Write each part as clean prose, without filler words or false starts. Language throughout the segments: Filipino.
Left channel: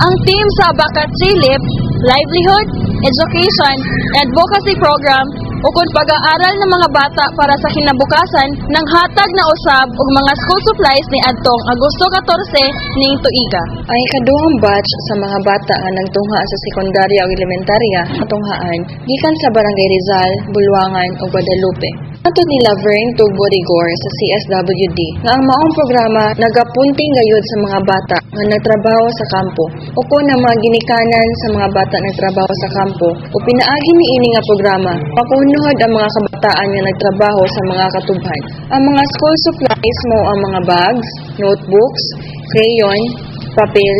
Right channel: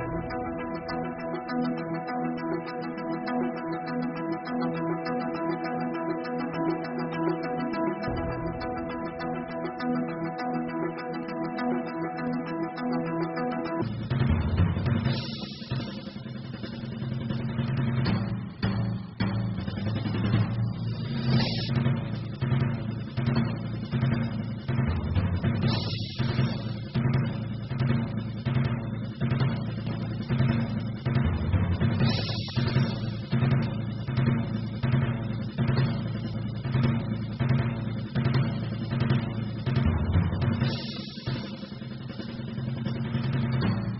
Ang team sa Bakat Silib, Livelihood, Education, and Advocacy Program ukod pag-aaral ng mga bata para sa kinabukasan ng hatag na usab ug mga school supplies ni adtong Agosto 14 ning tuiga. Ang ikaduhang batch sa mga bata nga nagtungha sa sekundarya ug elementarya atunghaan gikan sa Barangay Rizal, Bulwangan ug Guadalupe. Atod ni Laverne Tugbo Rigor sa CSWD nga ang maong programa nagapunting gayud sa mga bata nga nagtrabaho sa kampo o kung na mga ginikanan sa mga bata nagtrabaho sa kampo o pinaagi niini nga programa pakunuhod ang mga kabataan nga nagtrabaho sa mga katubhan. Ang mga school supplies mo ang mga bags, notebooks, crayon, papel,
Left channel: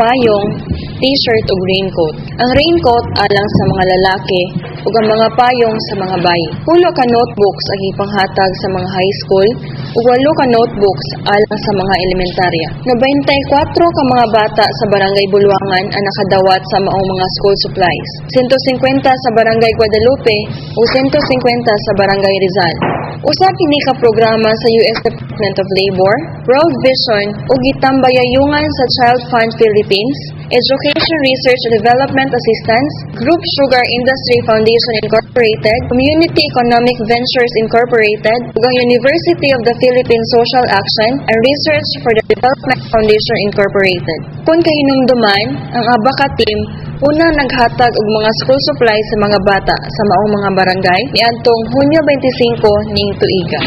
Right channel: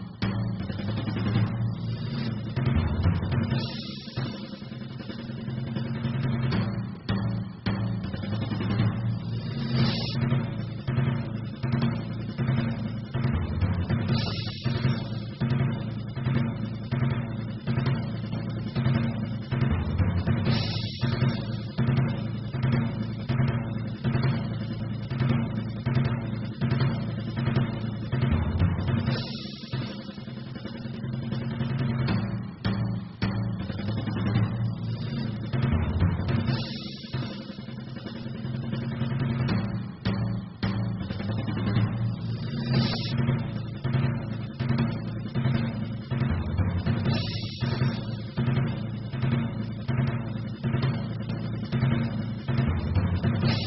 payong, t-shirt ug raincoat. Ang raincoat alang sa mga lalaki ug ang mga payong sa mga bayi. 10 ka notebooks ang ipanghatag sa mga high school ug 8 ka notebooks alang sa mga elementarya. 94 ka mga bata sa Barangay Bulwangan ang nakadawat sa maong mga school supplies. 150 sa Barangay Guadalupe ug 150 sa Barangay Rizal. Usa kini ka programa sa US Department of Labor, World Vision ug gitambayayungan sa Child Fund Philippines, Education Research and Development Assistance, Group Sugar Industry Foundation Incorporated, Community Economic Ventures Incorporated, ug ang University of the Philippines Social Action and Research for the Development Foundation Incorporated. Kung kahinumduman, ang ABACA team una naghatag og mga school supplies sa mga bata sa maong mga barangay niadtong Hunyo 25 ning tuiga.